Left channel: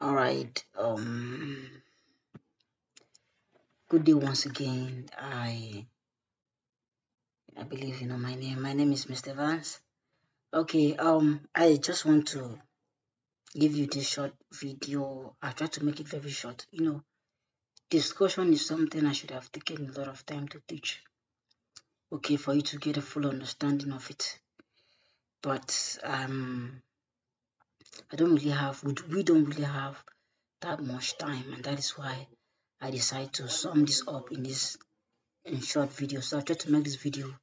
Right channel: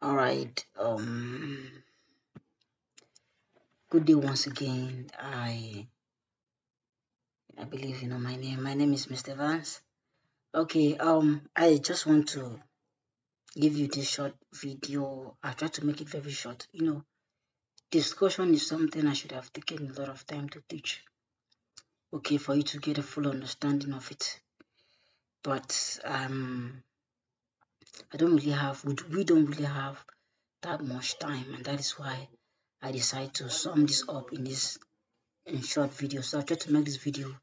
All right. Good day once again. I believe you know my name. My name is Mr. Vance. Okay. I just want to give you this short video. I try to make it very short. Discussion is something I should have taken a lot of time to teach. Okay, for you to get a full understanding of it. But I don't really have. We don't really have that much time, and that is why I decided to sum this up in short video. So I try to make this video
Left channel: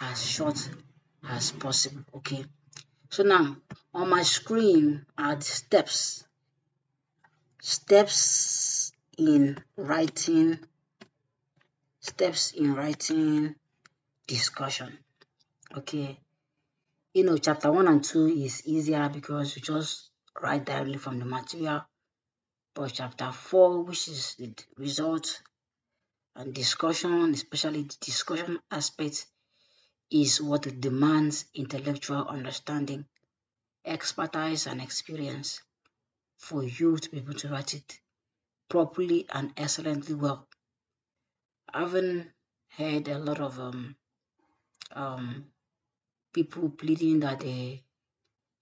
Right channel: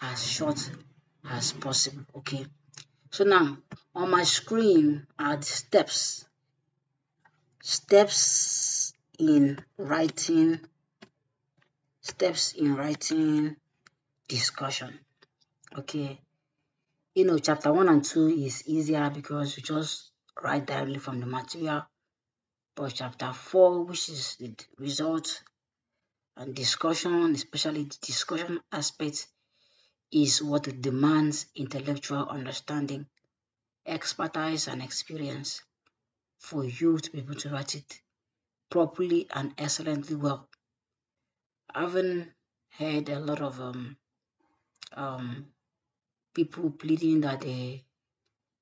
as short as possible. Okay, so now on my screen are the steps in writing discussion. Okay, chapter 1 and 2 is easier because you just write directly from the material, but chapter 4, which is the result and discussion, especially the discussion aspect, is what demands intellectual understanding, expertise, and experience for you to be able to write it properly and excellently well. I haven't heard a lot of um, people pleading that they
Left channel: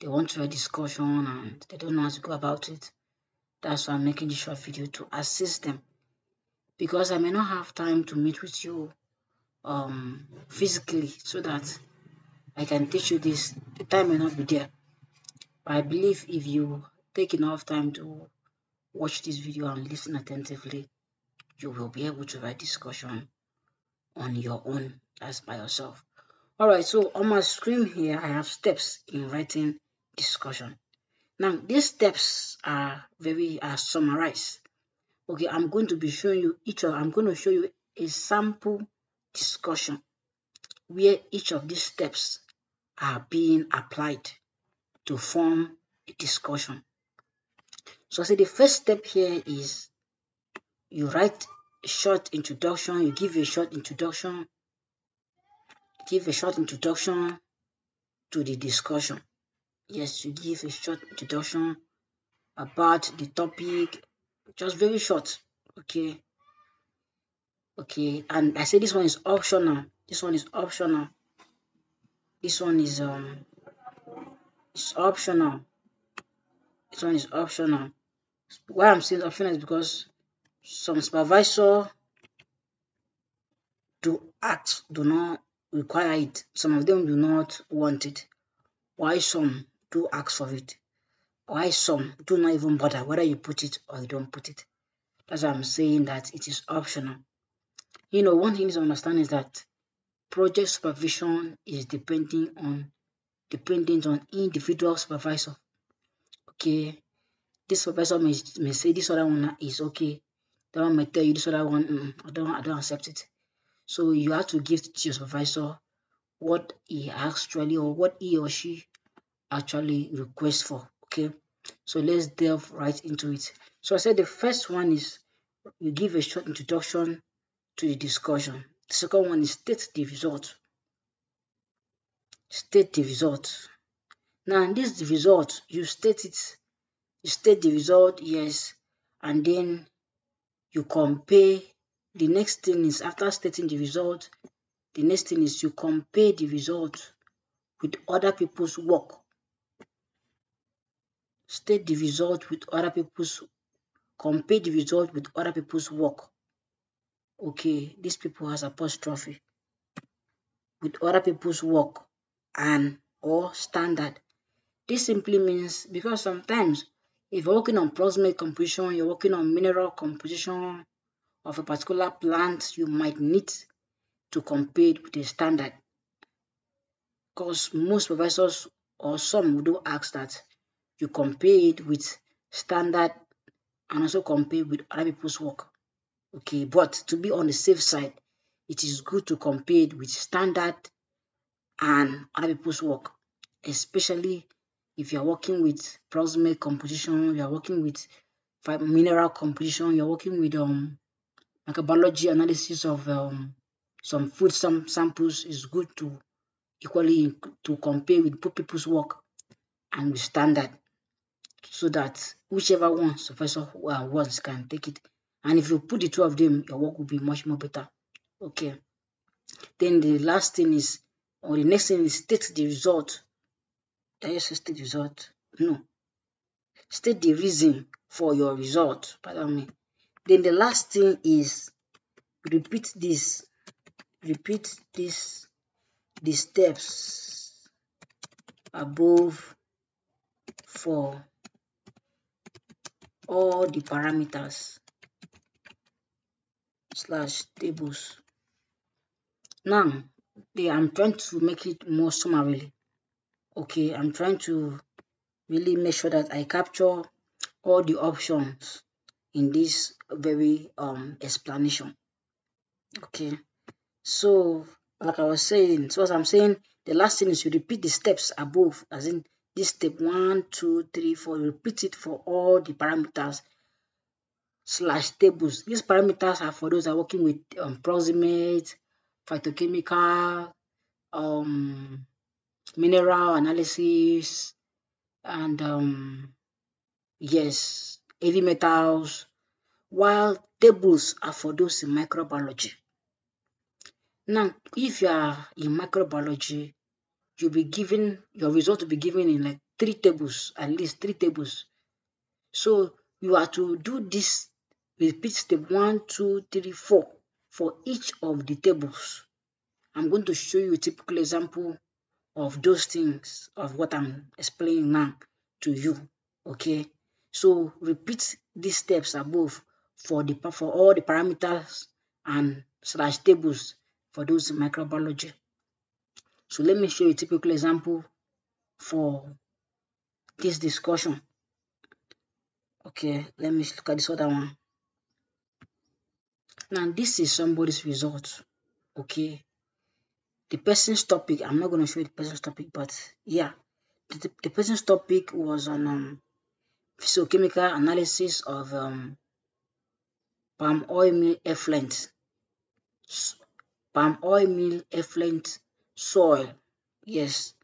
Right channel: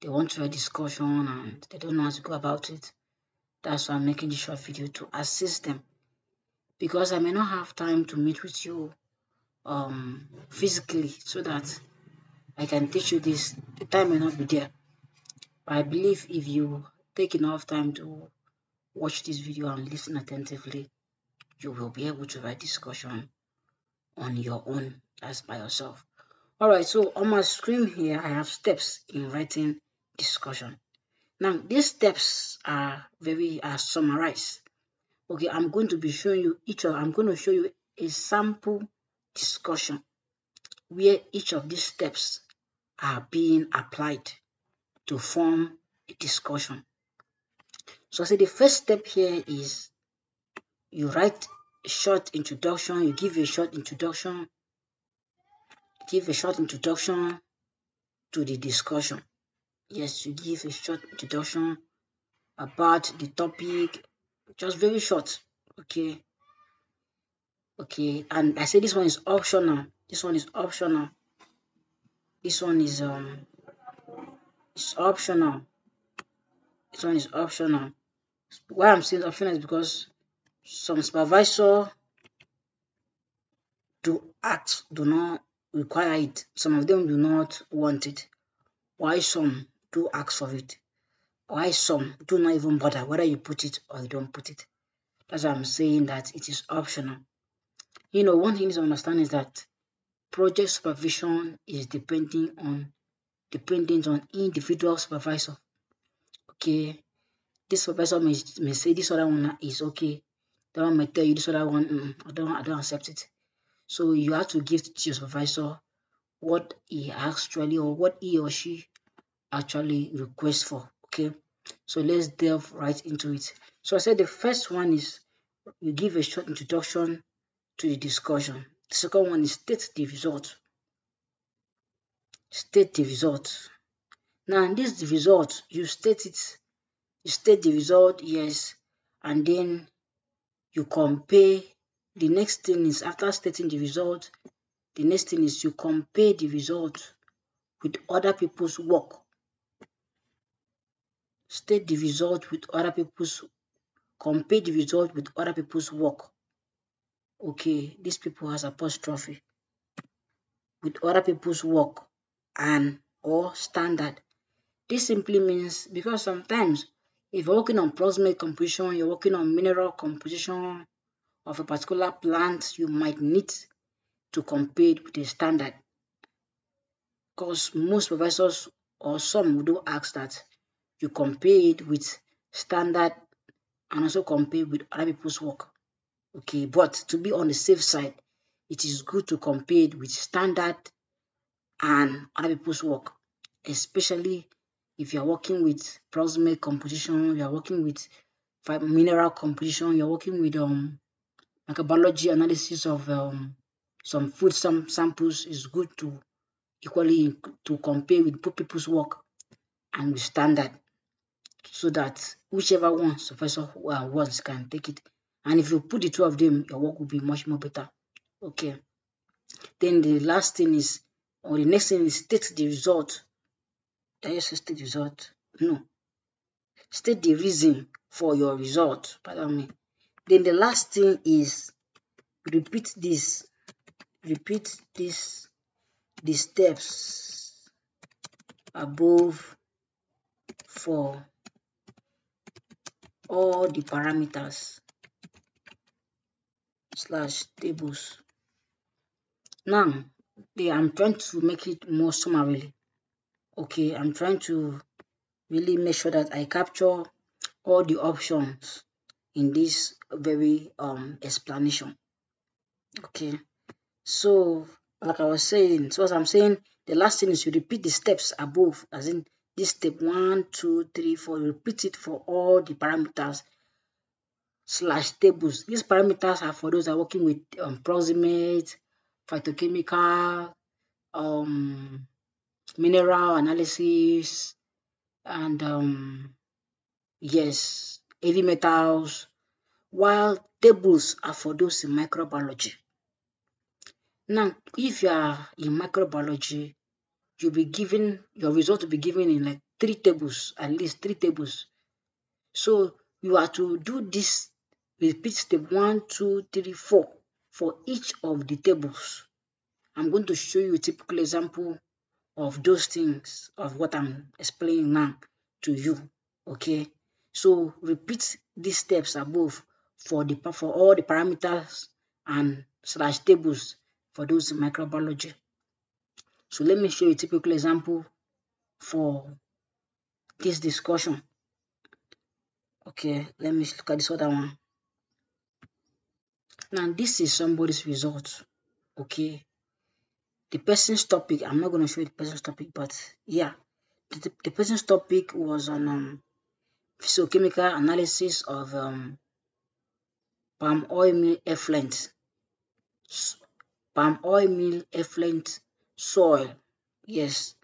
want to write discussion and they don't know how to go about it. That's why I'm making this short video to assist them, because I may not have time to meet with you physically so that I can teach you this. The time may not be there. But I believe if you take enough time to watch this video and listen attentively, you will be able to write discussion on your own as by yourself. Alright, so on my screen here, I have steps in writing discussion. Now, these steps are summarized. Okay, I'm going to be showing you I'm going to show you a sample discussion where each of these steps are being applied to form a discussion. So I say the first step here is you write a short introduction, you give a short introduction to the discussion. Yes, you give a short introduction about the topic, just very short. Okay. And I say this one is optional. This one is optional. This one is optional. This one is optional. Why I'm saying optional is because some supervisor do not require it. Some of them do not want it. Why some do ask for it? Why some do not even bother whether you put it or you don't put it? That's why I'm saying that it is optional. One thing to understand is that project supervision is dependent on individual supervisor. Okay, this supervisor may say this other one is okay. That one may tell you this other one, I don't accept it. So you have to give to your supervisor what he actually, or what he or she actually requests for. Okay, so let's delve right into it. So I said the first one is you give a short introduction to the discussion. The second one is state the result. Now this is the result. You state it. You state the result, yes, and then you compare. The next thing is, after stating the result, the next thing is you compare the result with other people's work. State the result with other people's, compare the result with other people's work. Okay, these people has apostrophe. With other people's work and or standard. This simply means, because sometimes if you're working on proximate composition, you're working on mineral composition of a particular plant, you might need to compare it with a standard. Because most professors or some do ask that you compare it with standard and also compare with other people's work. Okay, but to be on the safe side, it is good to compare it with standard and other people's work, especially if you're working with proximate composition, you're working with mineral composition, you're working with microbiology analysis of some food samples. Is good to equally to compare with people's work and with standard. so that whichever one Professor wants can take it. And if you put the two of them, your work will be much more better. Okay. Then the last thing is, or the next thing is state the result. Did I just state the result? No. State the reason for your result. Pardon me. Then the last thing is repeat this. Repeat this. The steps above for all the parameters / tables. Now, I'm trying to make it more summarily. Okay, I'm trying to really make sure that I capture all the options in this very explanation. Okay, so like I was saying, so as I'm saying, the last thing is you repeat the steps above, as in this step 1, 2, 3, 4. You repeat it for all the parameters / tables. These parameters are for those that are working with proximate, phytochemical, mineral analysis, and yes, heavy metals, while tables are for those in microbiology. Now, if you are in microbiology, you'll be given, your result will be given in like 3 tables, at least 3 tables. So you are to do this, repeat step 1, 2, 3, 4 for each of the tables. I'm going to show you a typical example of those things, of what I'm explaining now to you. Okay, so repeat these steps above for all the parameters and / tables for those in microbiology. So let me show you a typical example for this discussion. Okay, let me look at this other one. Now this is somebody's result. Okay, the person's topic, I'm not going to show you the person's topic, but yeah, the person's topic was on physiochemical analysis of palm oil meal effluent soil. Yes,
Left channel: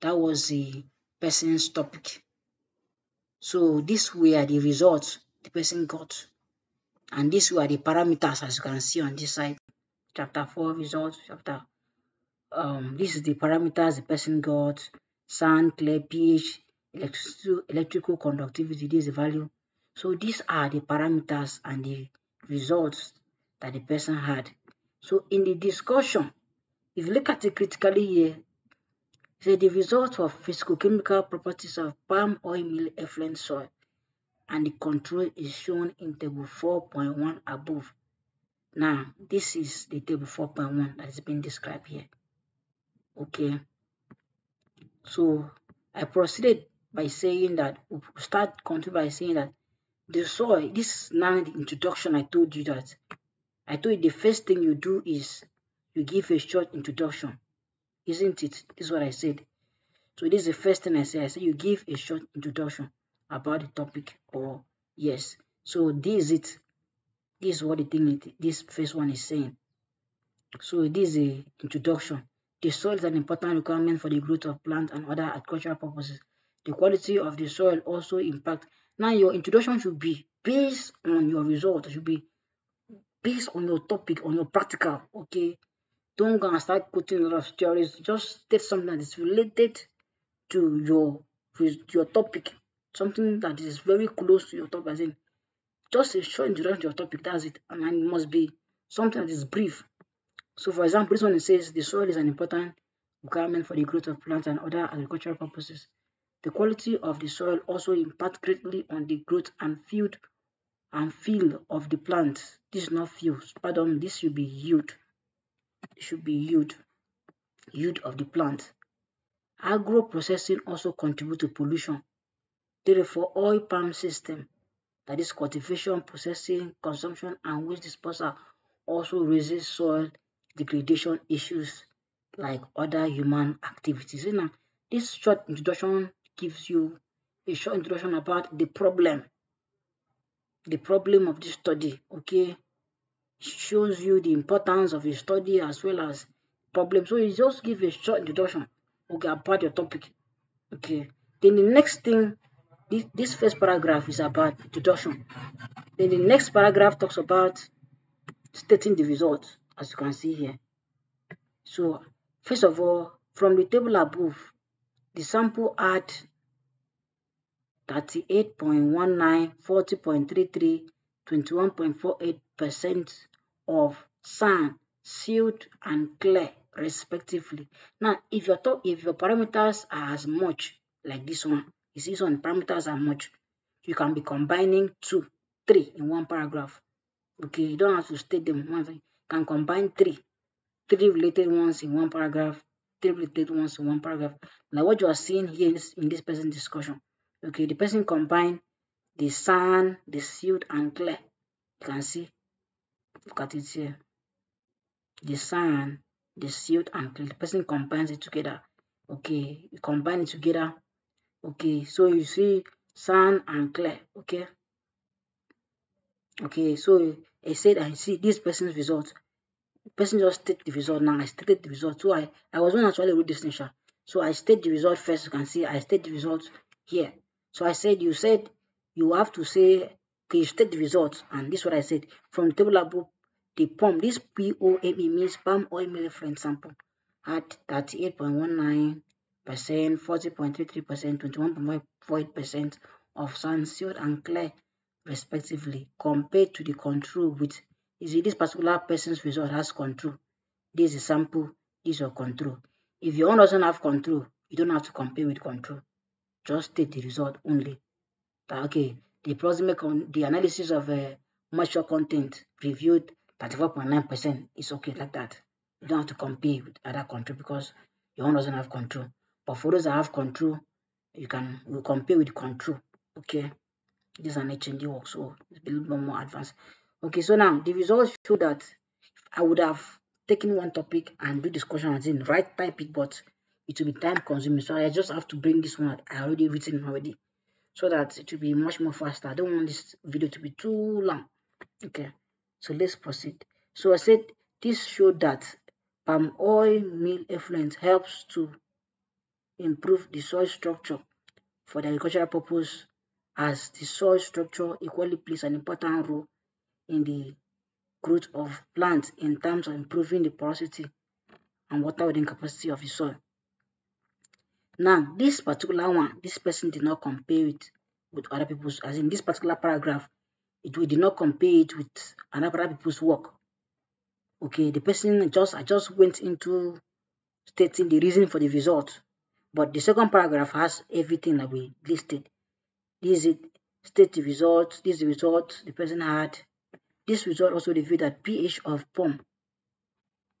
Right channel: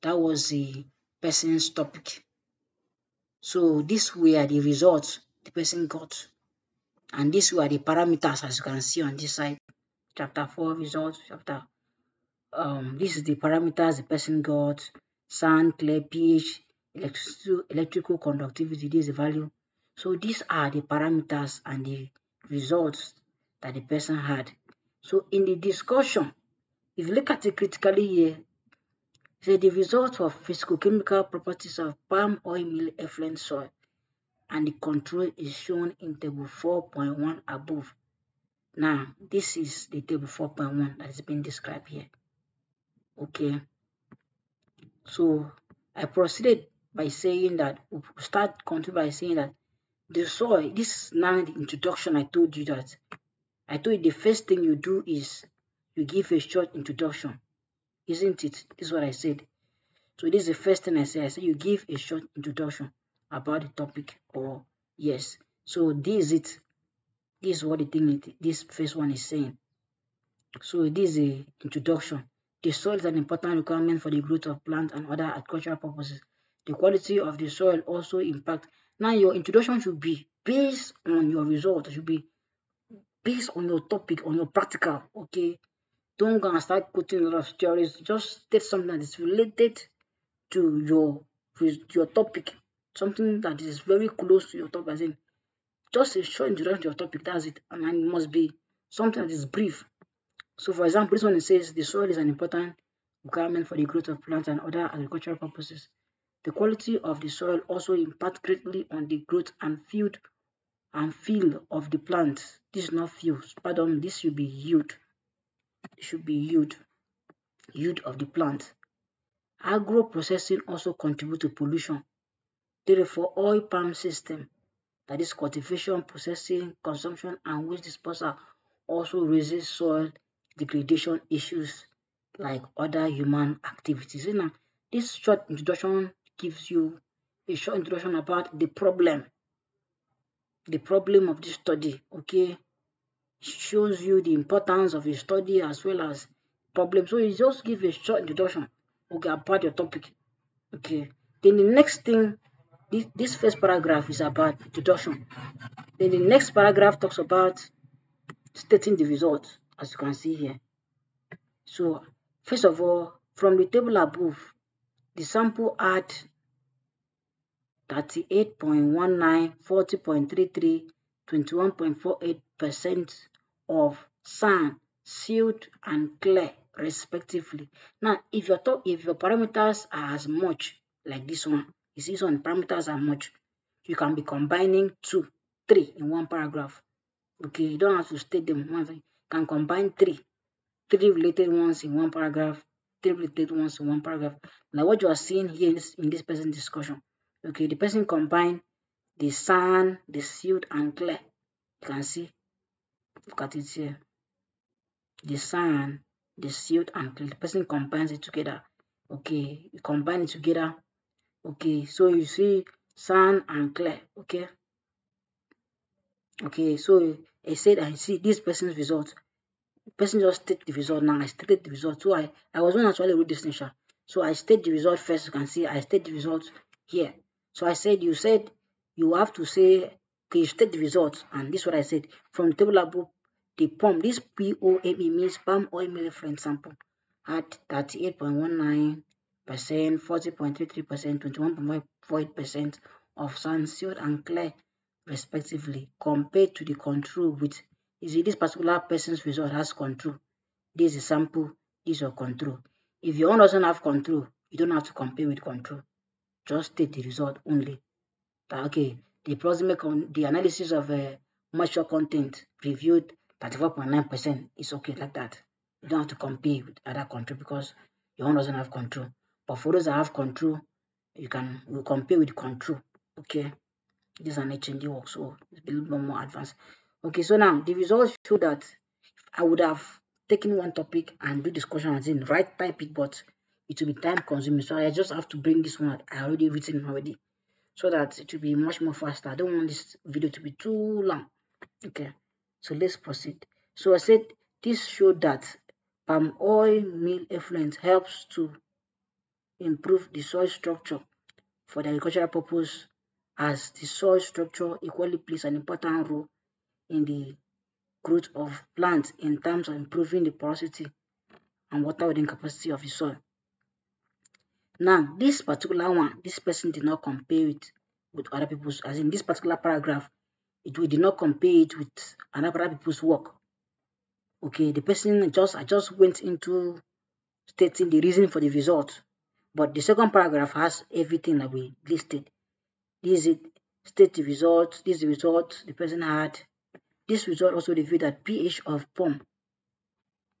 that was the person's topic. So these were the results the person got, and these were the parameters, as you can see on this side. Chapter 4 results. This is the parameters the person got: sand, clay, pH, electrical conductivity. This is the value. So these are the parameters and the results that the person had. So in the discussion, if you look at it critically here, say the result of physicochemical properties of palm oil meal effluent soil, and the control is shown in table 4.1 above. Now, this is the table 4.1 that is being described here. Okay, so I proceeded by saying that, continue by saying that the soil, this is now the introduction. I told you the first thing you do is you give a short introduction, isn't it? This is what I said. So this is the first thing I say. I say you give a short introduction about the topic, or yes. So this is it. This is what the thing, this first one is saying. So this is the introduction. The soil is an important requirement for the growth of plants and other agricultural purposes. The quality of the soil also impacts. Now your introduction should be based on your result. It should be based on your topic, on your practical. Okay, don't go and start quoting a lot of theories. Just state something that is related to your topic, something that is very close to your topic. As in, just a short introduction to your topic. That's it, and it must be something that is brief. So, for example, this one says the soil is an important requirement for the growth of plants and other agricultural purposes. The quality of the soil also impacts greatly on the growth and feel of the plant. This is not fields, pardon, this should be yield. It should be yield of the plant. Agro-processing also contributes to pollution. Therefore, oil palm system, that is cultivation, processing, consumption, and waste disposal, also raises soil degradation issues like other human activities. Now, this short introduction gives you a short introduction about the problem of this study. Okay, shows you the importance of your study as well as problem. So you just give a short introduction, okay, about your topic. Okay, then the next thing this first paragraph is about deduction. Then the next paragraph talks about stating the result, as you can see here. So first of all, from the table above, the sample had 38.19, 40.33, 21.48% of sand, silt, and clay, respectively. Now, if your parameters are as much like this one, you see some parameters are much, you can be combining 2, 3 in one paragraph. Okay, you don't have to state them once. You can combine 3 related ones in one paragraph, 3 related ones in one paragraph. Like what you are seeing here in this person's discussion. Okay, the person combined the sand, the silt, and clay. You can see, look at it here. The sand, the silt, and clay. The person combines it together. Okay, you combine it together. Okay, so you see sand and clay. Okay. Okay, so I said I see this person's result. The person just state the result now. I stated the result. So I was one actually wrote this nation. So I state the result first. You can see I state the result here. So I said you have to say, okay, you state the result, and this is what I said. From the table above, the POME, this POME means palm oil mill effluent sample, had 38.19%, 40.33%, 21.48% of sand, silt, and clay, respectively, compared to the control with, you see, this particular person's result has control. This is sample, this is your control. If your own doesn't have control, you don't have to compare with control. Just take the result only. Okay, the analysis of moisture content reviewed 34.9% is okay like that. You don't have to compare with other control because your own doesn't have control. But for those that have control, we'll compare with control. Okay, this is an HND work, so it's a little bit more advanced. Okay, so now the results show that I would have taken one topic and do discussion as in write type it, but it will be time consuming. So I just have to bring this one I already written already, so that it will be much more faster. I don't want this video to be too long. Okay, so let's proceed. So I said this showed that palm oil meal effluent helps to improve the soil structure for the agricultural purpose, as the soil structure equally plays an important role in the growth of plants in terms of improving the porosity and water holding capacity of the soil. Now, this particular one, this person did not compare it with other people's, as in this particular paragraph, we did not compare it with other people's work. Okay, the person I just went into stating the reason for the result, but the second paragraph has everything that we listed. This is it, state the result, this is the result the person had. This result also revealed that pH of POME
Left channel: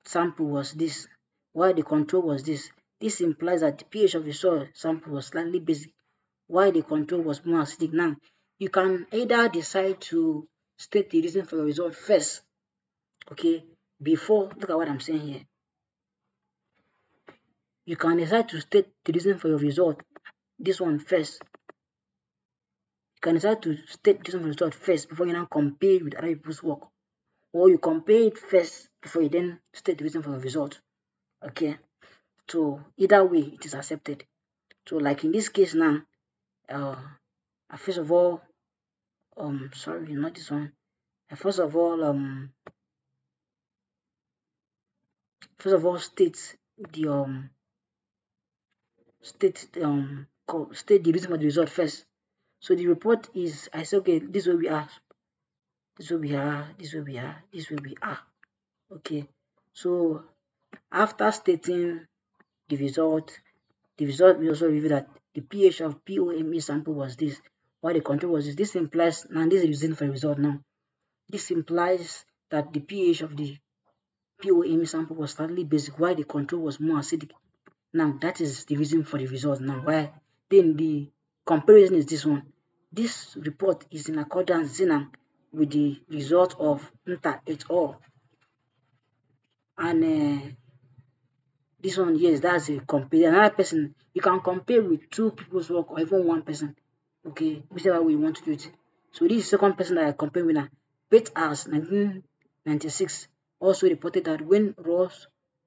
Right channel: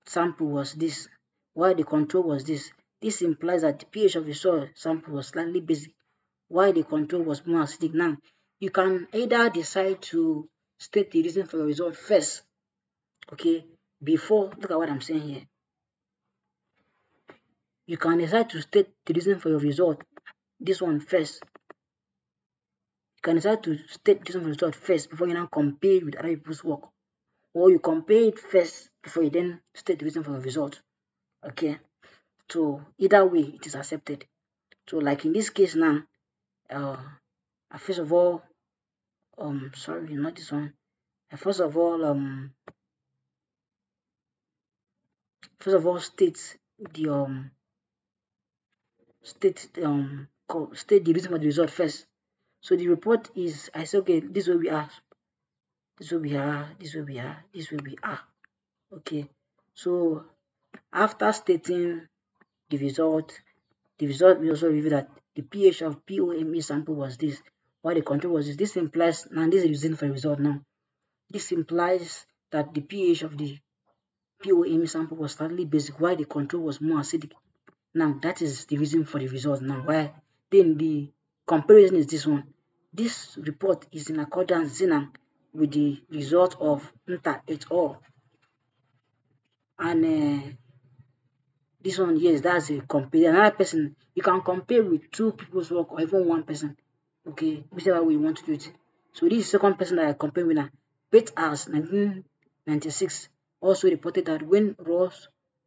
sample was this, while the control was this. This implies that the pH of the soil sample was slightly basic, while the control was more acidic. Now, you can either decide to state the reason for your result first, okay, before, look at what I'm saying here. You can decide to state the reason for your result, this one first. You can decide to state this one for your result first before you now compare with other people's work. Or you compare it first before you then state the reason for your result. Okay, so either way it is accepted. So like in this case now, first of all, sorry, not this one. First of all, state the state the reason for the result first. So the report is, I say, okay, this will be R, this will be R, this will be R, this will be R. Okay, so after stating the result will also reveal that the pH of POME sample was this, while the control was this. This implies, now this is using for the result now. This implies that the pH of the POME sample was slightly basic, while the control was more acidic. Now that is the reason for the result. Now why then the comparison is this one. This report is in accordance with the result of Nta et al. And this one, yes, that's a compare. Another person, you can compare with two people's work or even one person. Okay, whichever way you want to do it. So this second person that I compare with now, Pate as 1996 also reported that when raw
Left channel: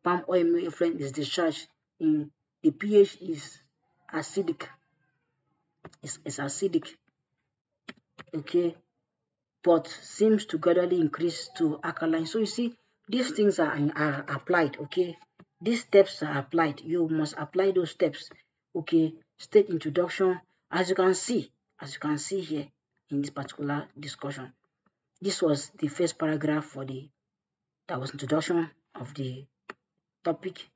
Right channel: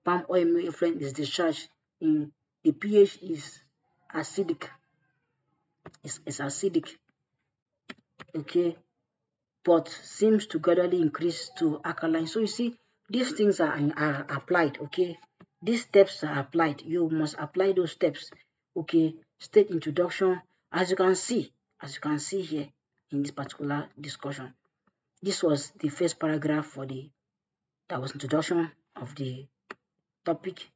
palm oil mill effluent is discharged in, the pH is acidic. It's acidic, okay, but seems to gradually increase to alkaline. So you see, these things are applied, okay. These steps are applied. You must apply those steps, okay. State introduction, as you can see here in this particular discussion. This was the first paragraph that was introduction of the topic.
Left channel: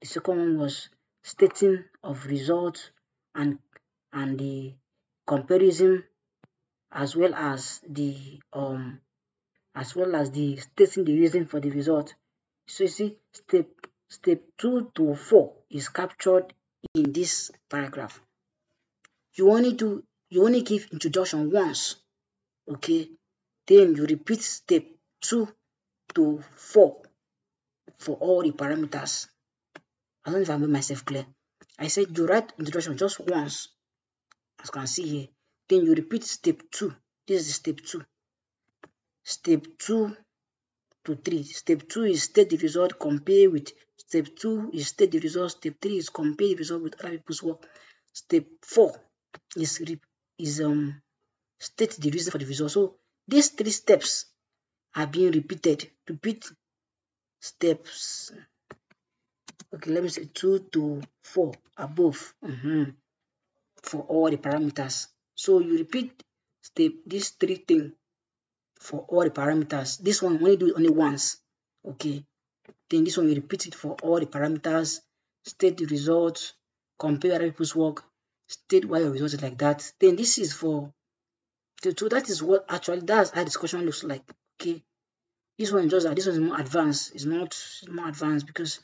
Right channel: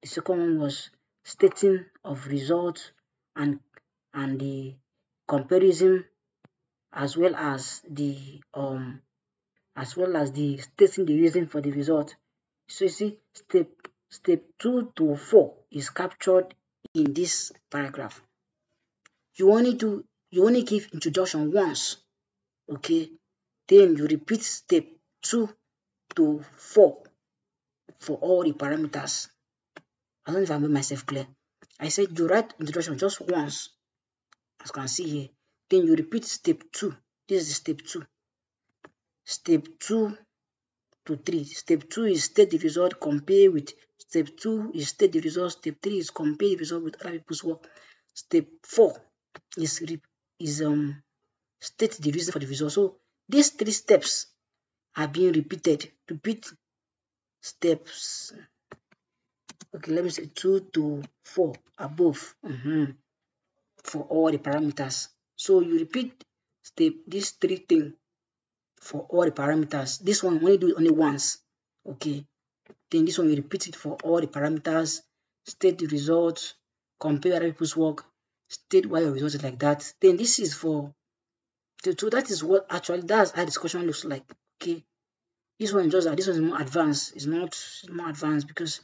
The second one was stating of results and the comparison, as well as the stating the reason for the result. So you see, step 2 to 4 is captured in this paragraph. You only give introduction once, okay? Then you repeat step 2 to 4 for all the parameters. I don't know if I made myself clear. I said you write introduction just once, as you can see here. Then you repeat step 2. This is step 2. Step 2 to 3. Step 2 is state the result, compare with. Step 2 is state the result. Step 3 is compare the result with other people's work. Step 4 is state the reason for the result. So these 3 steps are being repeated. Repeat steps. Okay, let me say 2 to 4 above for all the parameters. So you repeat these 3 things for all the parameters. This one only do it only once. Okay. Then this one you repeat it for all the parameters, state the results, compare other people's work, state why your result is like that. Then this is for so that is what actually that's how discussion looks like. Okay. This one is more advanced. It's more advanced because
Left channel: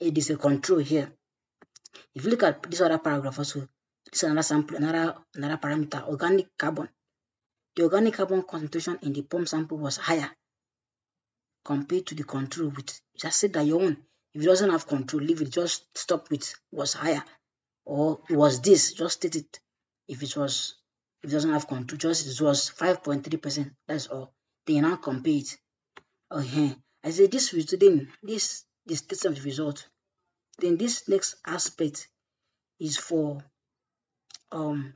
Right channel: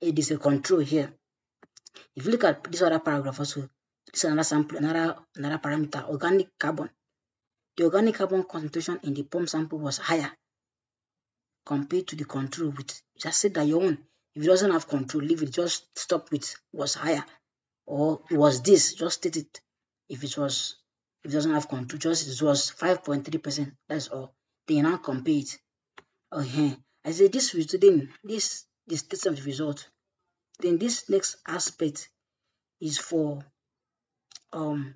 it is a control here. If you look at this other paragraph also, this is another sample, another parameter, organic carbon. The organic carbon concentration in the pump sample was higher compared to the control with. Just say that your own, if it doesn't have control, leave it, just stop with was higher. Or was this, just state it. If it doesn't have control, it was 5.3%. That's all. Then you now compare it. I say this then this the state of the result. Then this next aspect is for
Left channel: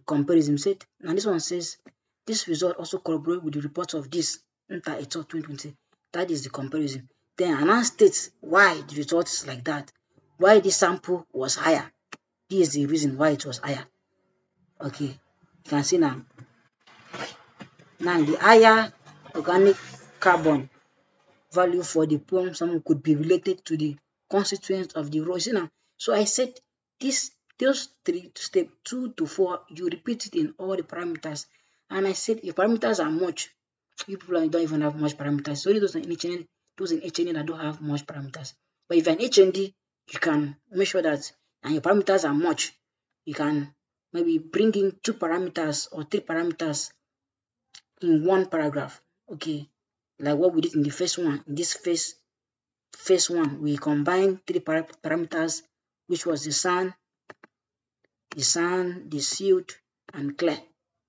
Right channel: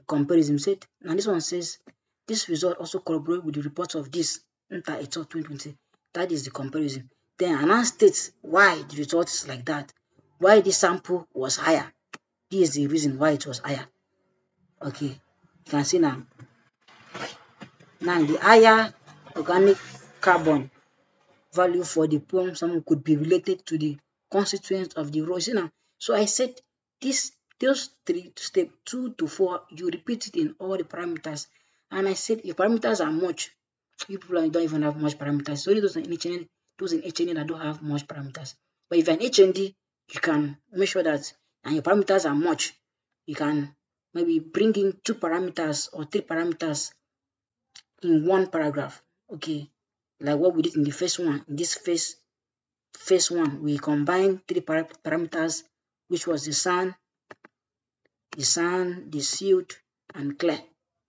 comparison. Said now this one says this result also corroborates with the report of this Inter 2020. That is the comparison. Then I now state why the result is like that. Why the sample was higher. This is the reason why it was higher. Okay, you can see now. Now the higher organic carbon value for the pump sample could be related to the constituents of the rose. Now, so I said those 3 step 2 to 4 you repeat it in all the parameters, and I said if parameters are much, you people don't even have much parameters. So those in HND that don't have much parameters. But if you're an HND, you can make sure that and your parameters are much. You can maybe bring in 2 parameters or 3 parameters in one paragraph. Okay, like what we did in the first one. In this first one, we combined 3 parameters, which was the sun, the silt, and clear.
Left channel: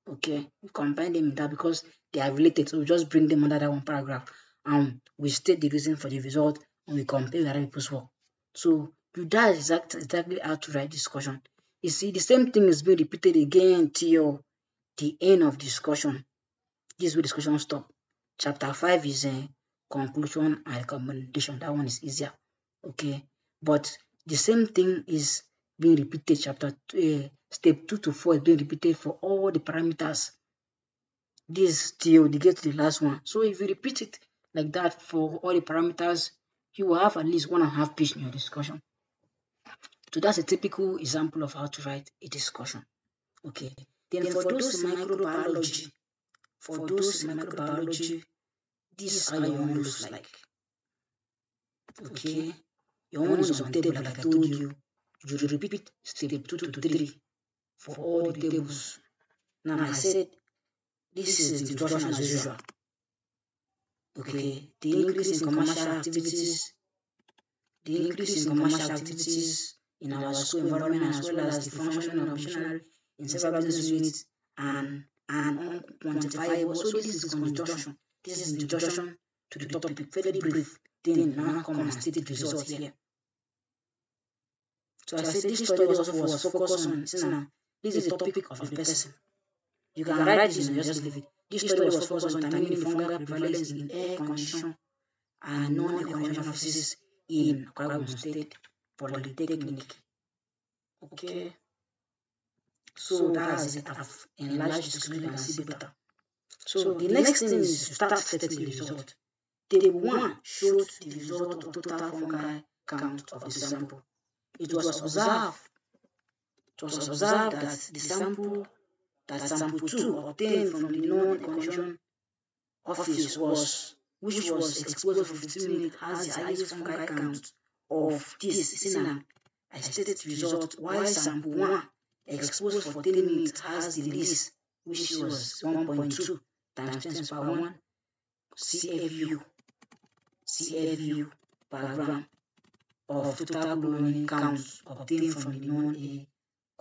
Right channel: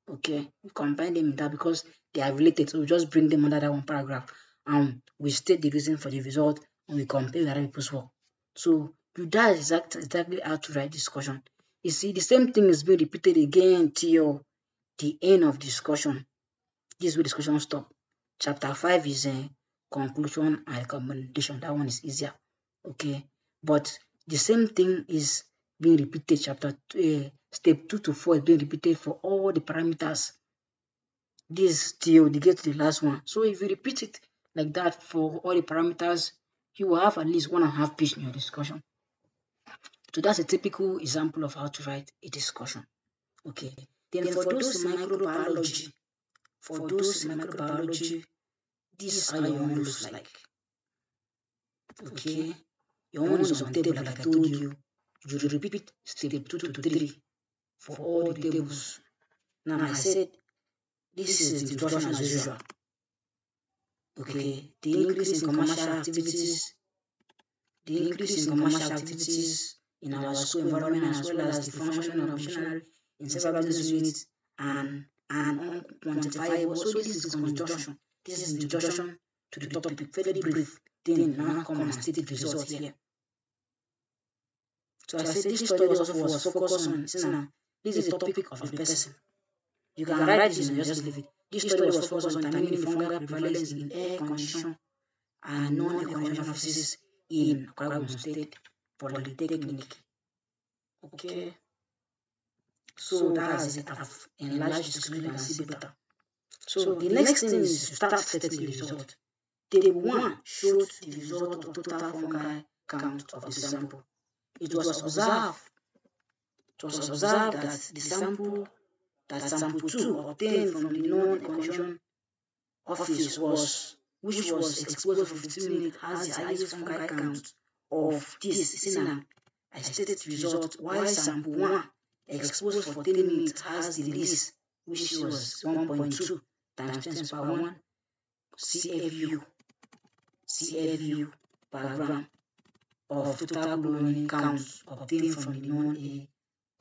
Okay, we combine them in that because they are related, so we just bring them under that one paragraph, and we state the reason for the result, and we compare other people's work. So that is exactly how to write discussion. You see, the same thing is being repeated again till the end of discussion. This is where discussion stop. Chapter 5 is a conclusion and recommendation. That one is easier. Okay, but the same thing is being repeated. Step 2 to 4 is being repeated for all the parameters. This till they get to the last one. So if you repeat it like that for all the parameters, you will have at least 1.5 pages in your discussion. So that's a typical example of how to write a discussion. Okay. Then for those microbiology, this is how your own looks like. Okay. Your own is on table, like I told you. You repeat step 2 to 3 for all the tables. Now I said this is the introduction as usual. Okay. The increase in commercial activities in our school environment, as well as the functioning of machinery in several business units and unquantifiable. So this is introduction. This is introduction to the topic, very brief. Then now come and state the results here. So I said this study also was focused on This is the topic of the person. You can write this and just leave it. This study was focused on determining fungal prevalence in air condition and non-air condition offices in Akwa Ibom State Polytechnic. Okay. So that's it. I've enlarged the screen and see better. So the next thing is to start stating the result. Table 1 shows the result of total fungi count of the sample. It was observed that the sample 2 obtained from the non-condition office which was exposed for 15 minutes has the highest fungal count of this. I stated the result while sample 1 exposed for 10 minutes has the least, which was 1.2 times 10 to the power 1 CFU per gram of total globulin counts obtained from the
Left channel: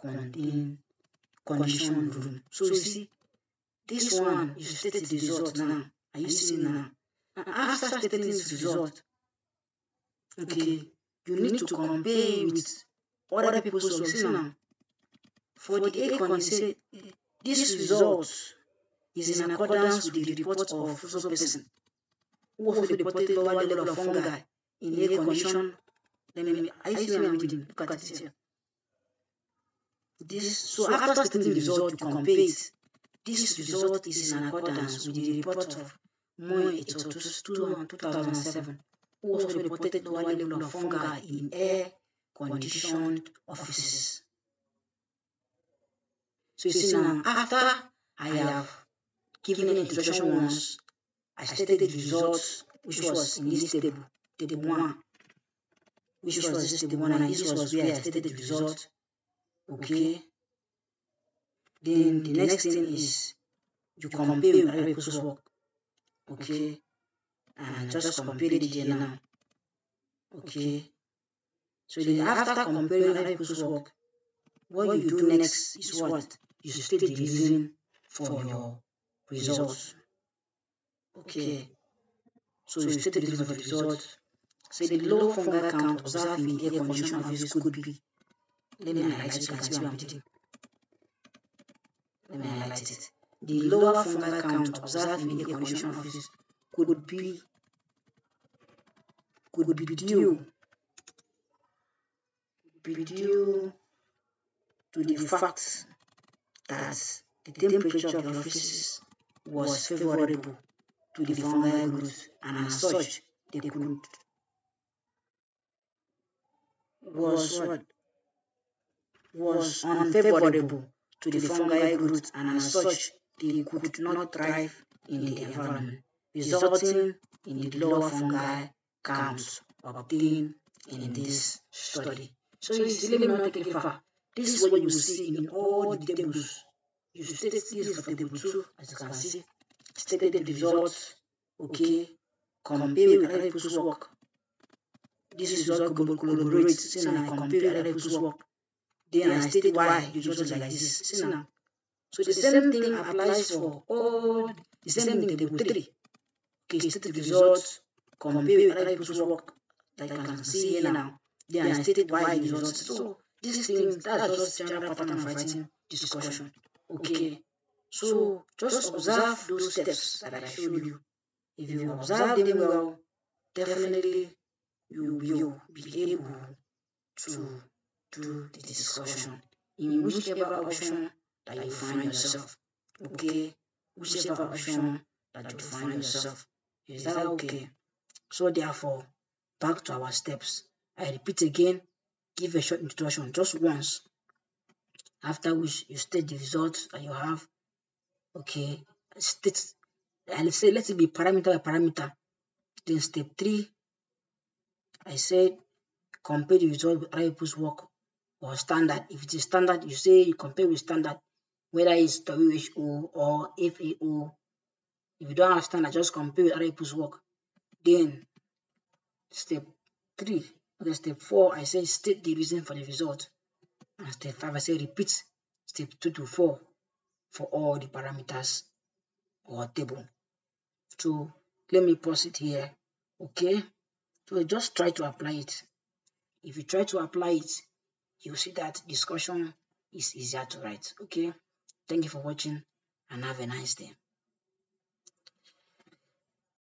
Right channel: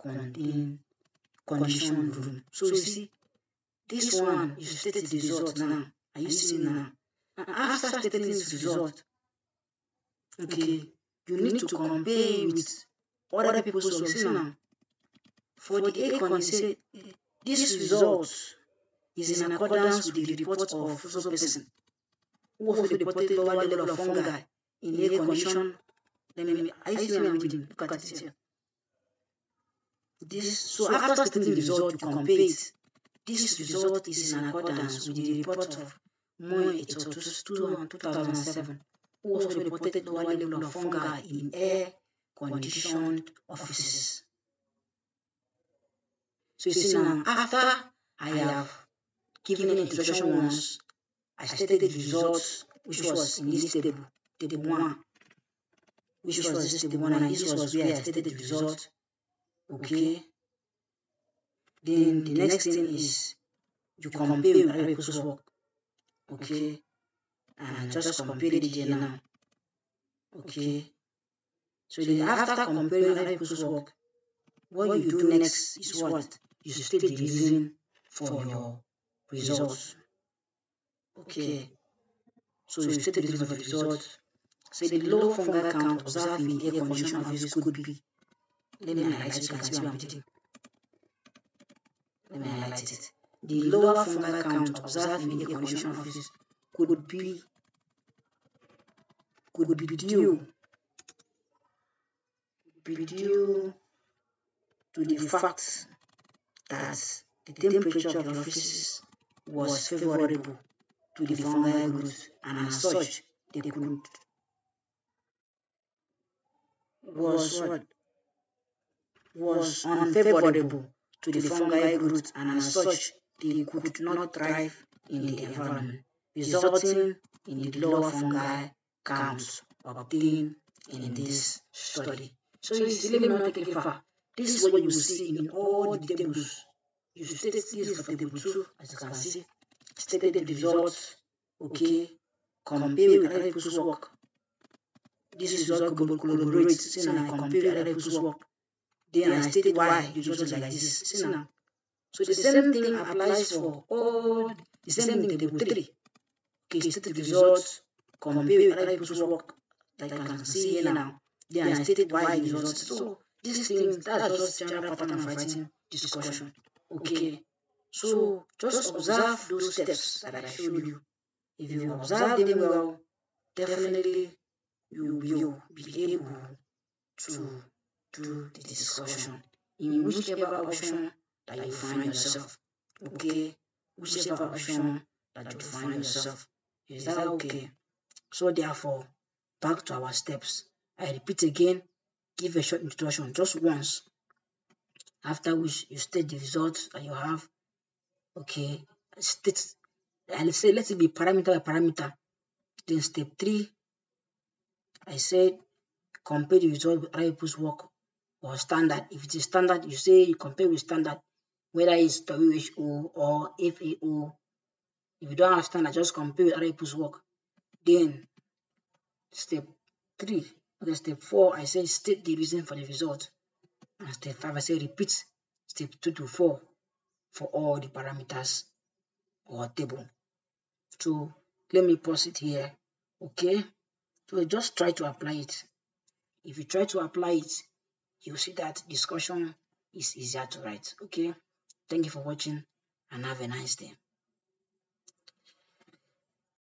non-condition room. So you see, this one, you stated the result now. Are you seeing now? And after stating this result, okay, you need to compare with other people's results now. For the ACON, say this result is in accordance with the report of so person who also reported lower level of fungi in air condition. I see what I'm reading. Look at it here. So after stating the result, you compare it. This result is in accordance with the report of Moy et al. 2007, who also reported lower level of fungi in air conditioned offices. So you see now, after I have given an introduction once, I stated the results, which was in this table 1, which was this table 1, and this was where I stated the result. Okay. Then the next thing is you compare with other people's work. Okay. And just compare it here now. Okay. So then after comparing other people's work, what you do next is what? You state the reason for your results. Okay. So you state the reason for the results. Say the low fungal count observed in air condition office could be. Let me highlight it. You can see what I'm reading. Let me highlight it. The lower fungal count observed in air condition office could be due to the fact that the temperature of the offices was favorable to the fungal growth, and as such, they could was unfavorable to the fungal growth, and as such, they could not thrive in the environment, resulting in the lower fungal counts obtained in this study. So you see, let me not take it far. This is what you will see in all the tables. You stated this for table 2, as you can see. Stated the results, okay, compare with other people's work. This result collaborates, see now, I compare with other people's work. Then I state why the result is like this, see now. So the same thing applies for all, the same thing in table 3. Okay, stated the results, compare with other people's work, that you can see here now. Then I stated why the results. So these things, that's just general pattern of writing discussion. Okay, so just observe those steps that I showed you. If you observe them well, definitely you will be able to do the discussion in whichever option that you find yourself. Okay, whichever option that you find yourself. Is that okay? So therefore, back to our steps. I repeat again, give a short introduction just once, after which you state the results that you have. Okay, state, and say let it be parameter by parameter. Then step 3, I said compare the result with other people's work or standard. If it is standard, you say you compare with standard, whether it's WHO or FAO. If you don't have standard, just compare with other people's work. Then step 3, okay, step 4, I say state the reason for the result. And step 5, I say repeat step 2 to 4 for all the parameters or table. So let me pause it here. Okay, so just try to apply it. If you try to apply it, you'll see that discussion is easier to write. Okay, thank you for watching and have a nice day.